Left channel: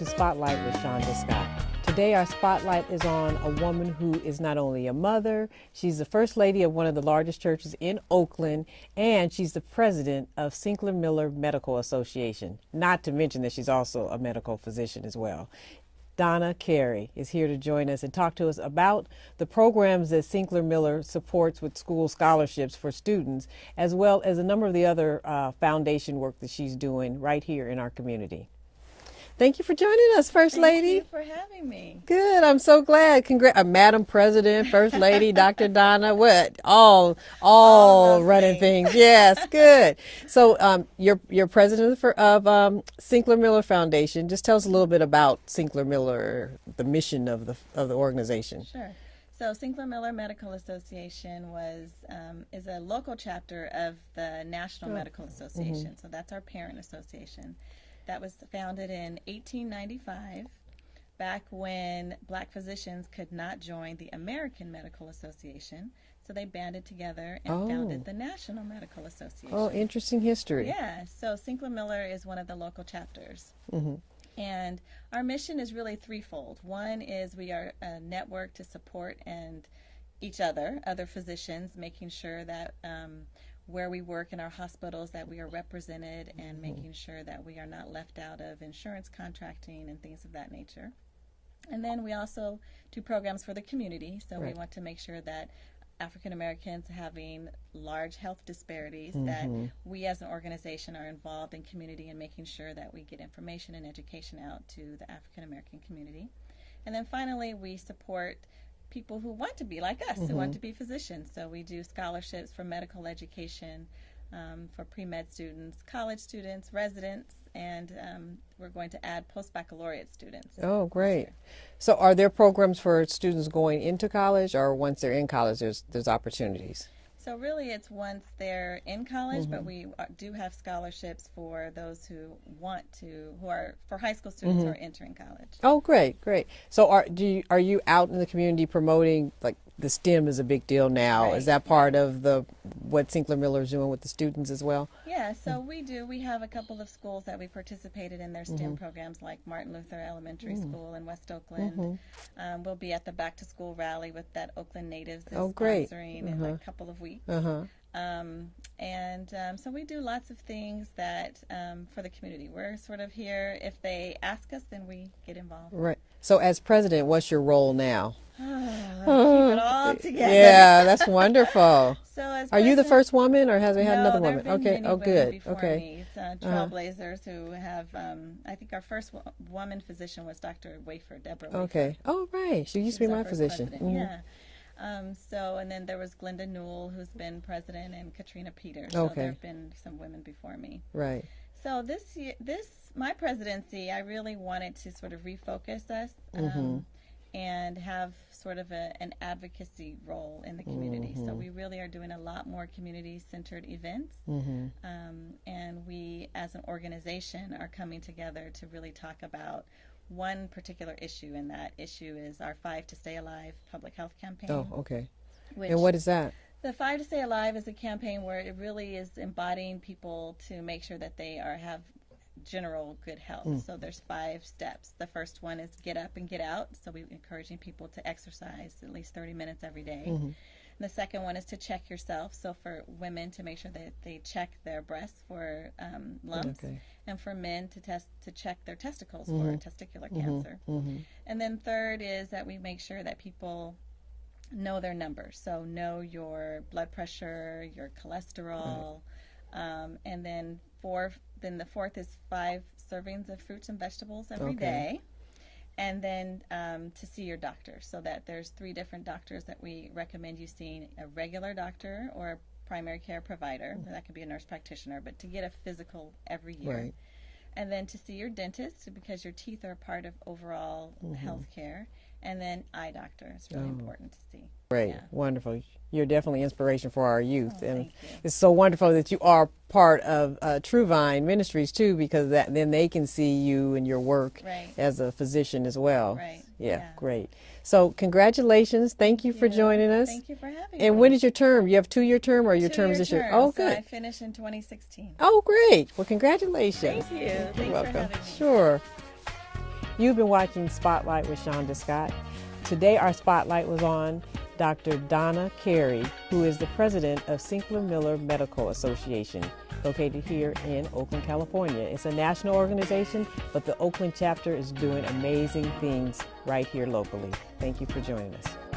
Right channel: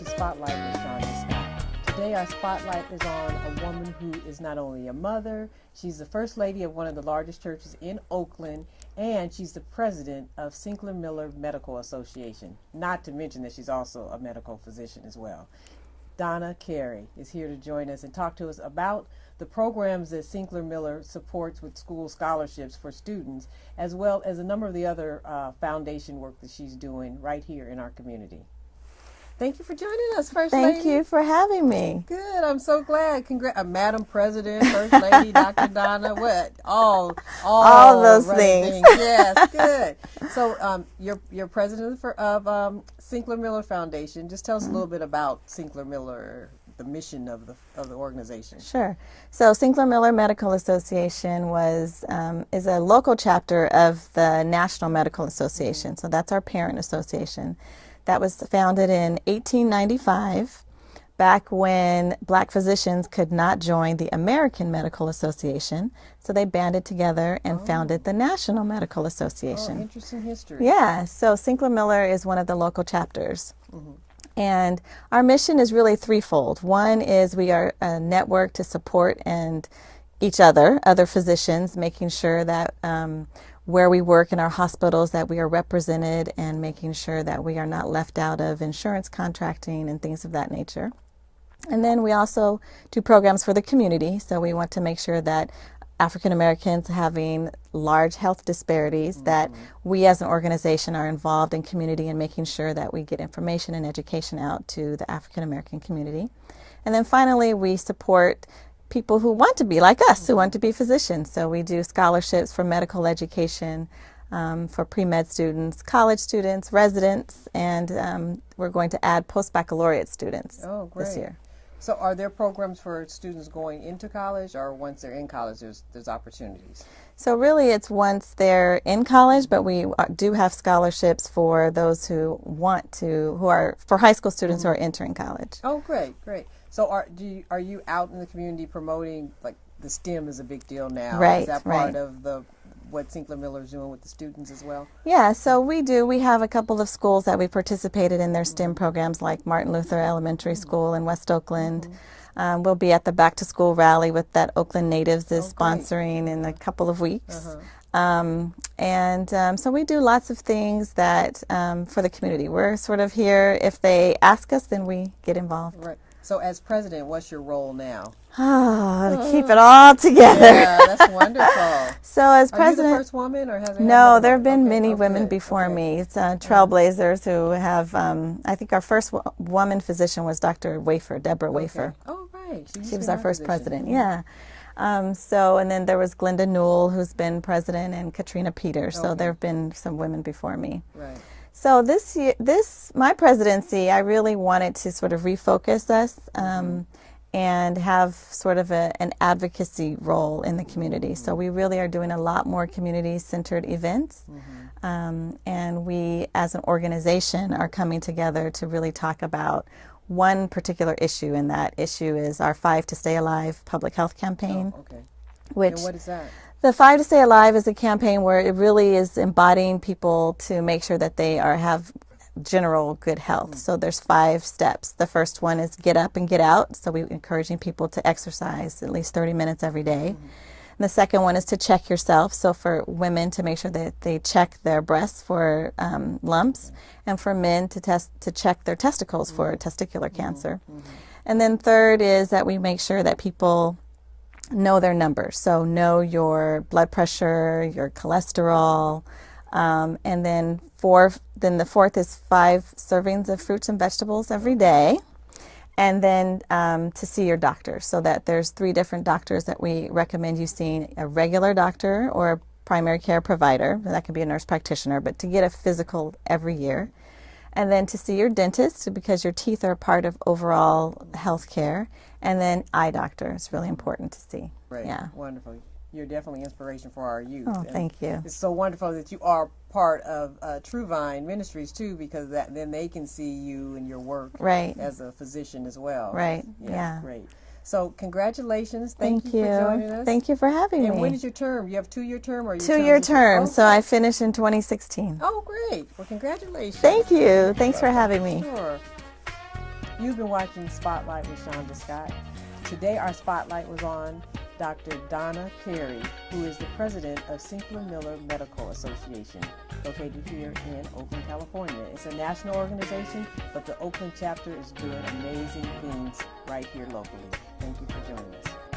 to Spotlight with Shonda Scott. Today our spotlight is on a woman who is not only a mother, she's the first lady of one of the largest churches in Oakland, and she's the president of Sinclair Miller Medical Association. Not to mention that she's also a medical physician as well. Donna Carey is here to join us and talk to us about the programs that Sinclair Miller supports with school scholarships for students, as well as a number of the other foundation work that she's doing right here in our community. Thank you for joining us, First Lady. Thank you for having me. Good. I'm so glad. Madam President, First Lady, Dr. Donna, what? All those running things. Yes, good. So you're president of Sinclair Miller Foundation. Just tell us a little bit about Sinclair Miller, the mission of the organization. Sure. So Sinclair Miller Medical Association is a local chapter of the National Medical Association. So that's our parent association. That was founded in 1895, back when black physicians could not join the American Medical Association. So they banded together and founded the National Medical Association. Oh, interesting history. Yeah, so Sinclair Miller is one of the local chapters. And our mission is really threefold. One is we are a network to support each other physicians, making sure that where we work in our hospitals that we are represented and making sure that we are not left out of insurance contracting and things of that nature. And then we also do programs for the community. So we want to make sure that African Americans having large health disparities, that we as an organization are involved in community and making sure that we get information and education out to the African American community. And then finally, we support people who want to be like us, who want to be physicians. So we do scholarships for medical education for pre-med students, college students, residents, and we're going to add post-baccalaureate students this year. So are there programs for students going into college, or once they're in college there's opportunities? So really it's once they're in college, but we do have scholarships for those who are for high school students who are entering college. Oh, great. So are you out in the community promoting, like the STEM is a big deal now? Right, is that part of what Sinclair Miller is doing with the students as well? Yeah, so we do. We have a couple of schools that we participated in their STEM programs, like Martin Luther Elementary School in West Oakland. We'll be at the Back to School rally with that Oakland Natives is sponsoring in a couple of weeks. So we do lots of things that for the community. We're sort of here. If they ask us, then we get involved. Right. So as president, what's your role now? Keep it all together. Yeah, that's wonderful. So as Are you the president, first woman, or has it had no, another there have woman? been Okay. many women Good. before Okay. me. It's trailblazers who have, I think our first woman physician was Dr. Wafer, Deborah Wafer. Okay. Oh, right. She She was our first president, yeah. And then there was Glenda Newell, who's been president, and Katrina Peters. So there have been some women before me. Right. So this year, my presidency, I really wanted to sort of refocus us and have sort of an advocacy role in the community. So we really are doing a lot more community-centered events. And we, as an organization, are coming together to really talk about one particular issue, and that issue is our 5 to Stay Alive public health campaign. Oh, okay. Which, And what is that? The 5 to Stay Alive is a campaign where it really is embodying people to make sure that they have general good health. So there's 5 steps. The first one is get up and get out. So we're encouraging people to exercise at least 30 minutes every day. And the second one is to check yourself. So for women, to make sure that they check their breasts for lumps, and for men to check their testicles for testicular cancer. And then third is that we make sure that people know their numbers. So know your blood pressure, your cholesterol, and then the fourth is 5 servings of fruits and vegetables every day. And then to see your doctor, so that there's 3 different doctors that we recommend you seeing: a regular doctor or a primary care provider. That could be a nurse practitioner, but to get a physical every year. And then to see your dentist, because your teeth are part of overall health care. And then eye doctor is really important to see. Great. Yeah. Wonderful. You're definitely inspiration for our youth. Oh, and thank you. It's so wonderful that you are part of True Vine Ministries too, because then they can see you and your work as a physician as well. Right. Yeah. Great. So congratulations. Thank you for joining us. Thank you for having me. And when is your term? You have 2-year term, or your term? 2-year term. Oh, so I finished in 2016. Oh, great. Well, congratulations. Thank you. Thanks for having me. Sure. You've been watching Spotlight with Shonda Scott. Today our spotlight was on Dr. Donna Carey, who is the president of Sinclair Miller Medical Association, located here in Oakland, California. It's a national organization, but the Oakland chapter is doing amazing things right here locally. Thank you for joining us.